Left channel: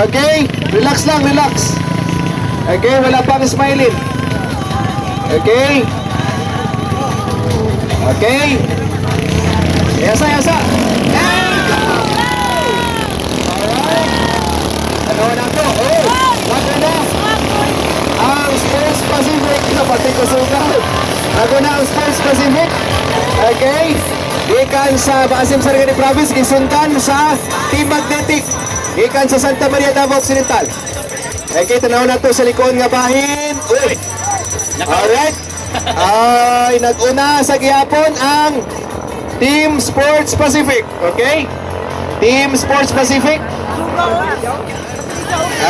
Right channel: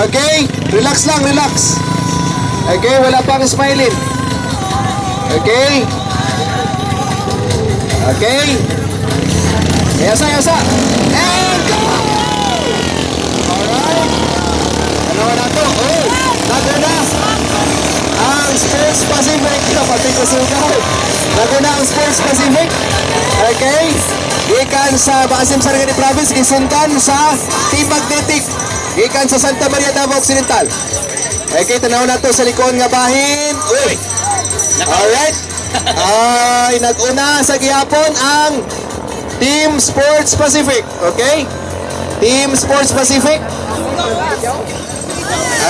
Okay, relax lang, relax. Okay, wala pang smiling. Okay. Okay. Yasa, yasa. And ang Sports Pacific. Pati kasukaw. Nago na ang Sports Pacific. Okay. Ikan sa Baasim Sarangani Province. Gisundan sa Team Magnetic. Ikan sa Santa Maria Davao Occidental. Okay, tanaw na to sa likod nga bahin. Uy. Alright. Ay, nag-una sa gihapon ang Team Sports Pacific. Okay? Team Sports Pacific.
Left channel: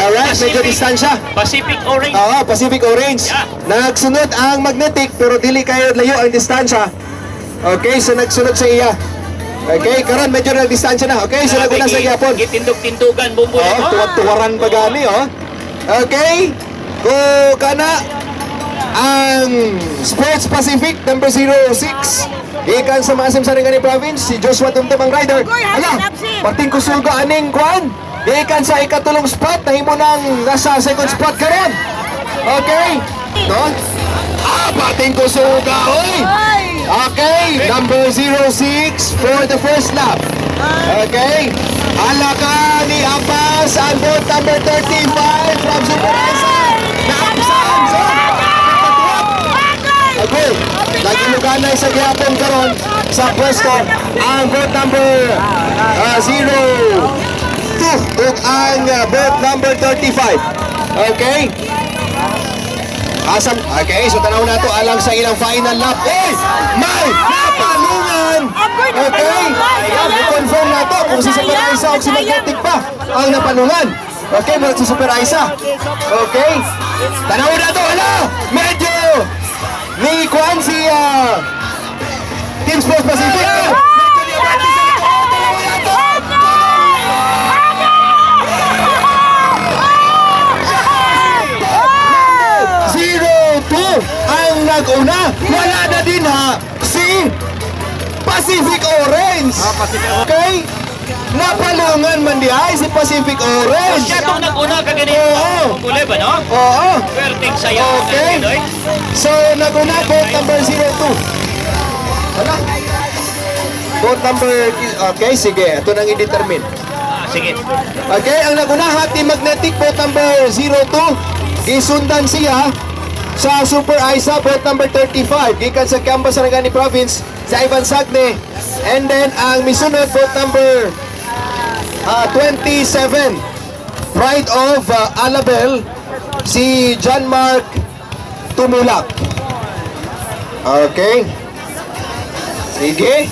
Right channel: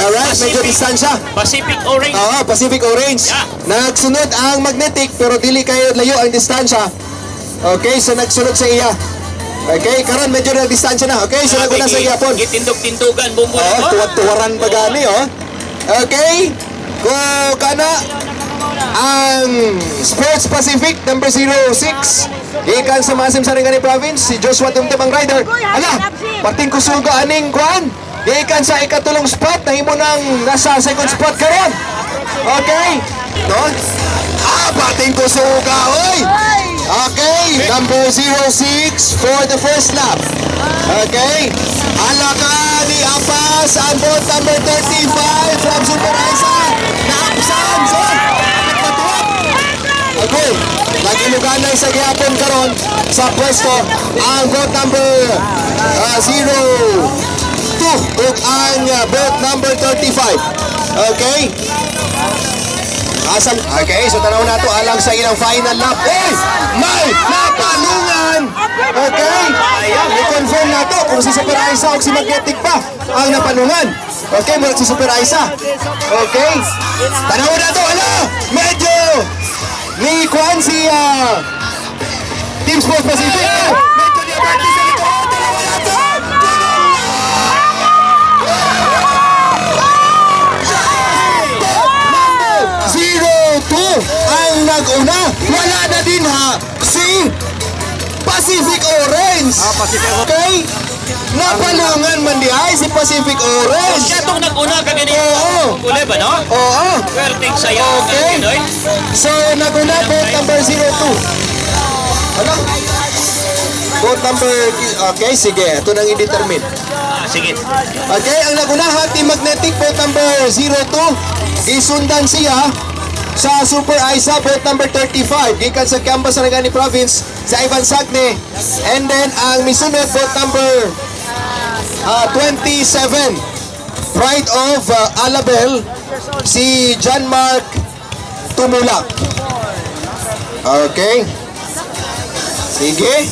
Alright, medyo distansya. Pacific Orange. Oo, Pacific Orange. Nagsunod ang Magnetic pero dili kayo layo ang distansya. Okay, so nagsunod sa iya. Okay, karon medyo na distansya na. Okay, so naguna sa gihapon. Gitindog-tindugan, bumbo. Tuwaran pa gani, oh. Okay, go kana ang Sports Pacific number 06. Ikan sa Maasim Sarangani Province, si Joshua Tumtumang Rider. Ala, parting kusuga aning kwan. Ikan sa ikatulong spot, nahimo nang nasa second spot karon. Okay, no? Parting kusuga, oy. Okay, number 06 for the first lap. Okay, alaka ni Apas ang boat number 35 from Super Isa. Naapsan sa okay, nagiluganay sa gihapon karon sa pwesto ang boat number 02 ug ang boat number 35. Okay, asam. Okay, so tanaw na to alang sa ilang final lap. Hey, may napalungan. Okay, i-confirm na to kung si Super Isa o si Magnetic pa ang napalungan. Okay, mula si Super Isa. Okay, tanaw na to. Hala, medyo ni Kwan si Team Sports Pacific. Medyo ni Abarty sa likod. Dalawa na to. 02 ang nag-una. Wala na din ha si Pacific Orange. Okay? Napalungan man di ay si Pacific Orange. Siya itong nag-una kagani. Oo. Kulay ba, no? Oo. Perting saya. Okay. So nag-una boat number 02. Wala. Boat number, okay, sige. Ito nang i-determine. Sige. Okay, ang naguna hati Magnetic boat number 02. Gisundan siya sa Super Isa boat number 35 gikan sa Camba Sarangani Province sa Ivan Sagne, and then ang misunod boat number 27 Pride of Alabel si John Mark Tumulak. Okay, sige.